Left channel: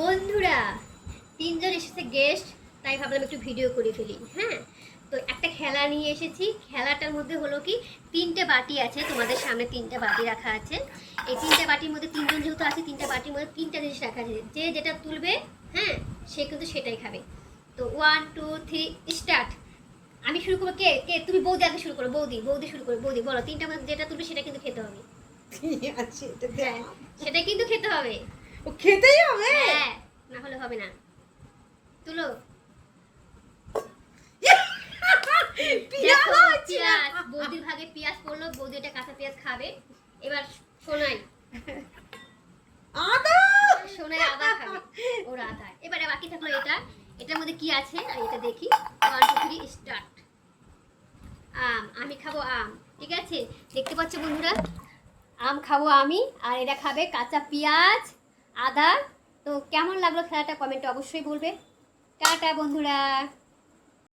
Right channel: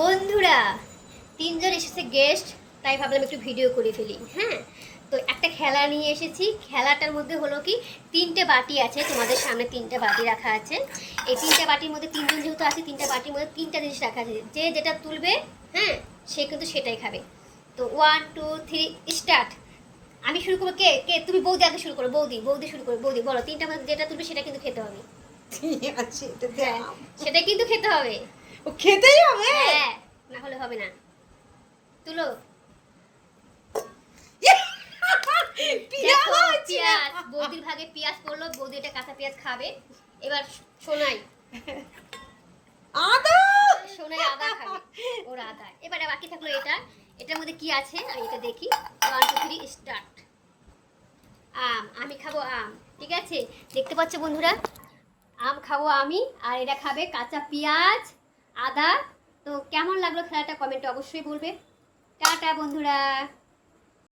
বন্ধুরা তিনজন এসেছে গেস্ট, তাই ভাবলাম একটু ভিডিও করে ফেলি। হ্যাঁ, তো একটা খেলা নিয়ে এসেছি। খেলাটার মধ্যে হলো কি, তিনটে বাটি আছে, তোমাদের সামনে তিনটে বাটি রাখা আছে। এই তিনটে বাটির মধ্যে তিনজন যেহেতু আছে, তিনটে বাটির মধ্যে তিনটা জিনিস রাখা আছে। যে যেটা তুলবে, হ্যাঁ, সে কিন্তু সেটাই খাবে। তো 1 2 3 স্টার্ট। আমি শুরু করবো। কে কে তুমি? বৌদি আগে শুরু করো। বৌদি বৌদি শুরু করো। বৌদি বলো, তিনটা মধ্যে যেটা তুলবে সেটা কিন্তু খেতে হবে। হ্যাঁ, সেটা কিন্তু খেতে হবে। ও খেতেই হবে। হ্যাঁ, না হলে হবে না। তুলো। পেঁয়াজ, বৌদির ভাগে পেঁয়াজ পড়লো। বৌদি এটা কাঁচা পেঁয়াজ খাবে। এবার সোনাই, আদা সোনাই আদা খাবে। ওর আদা। এবারে বাকি থাকলো এটা। এটার মধ্যে কি আছে আর এটা দেখি। 1 2 3 স্টার্ট। আম। আমি খাবো আম। ঠিক আছে, দেখতে পাচ্ছ বন্ধুরা, আম খাবো আমি, আর এরা খাবে কাঁচা পেঁয়াজ, আদা। তো কেমন লাগলো খেলাটা কমেন্টে অবশ্যই বলবে। টাটা বন্ধুরা।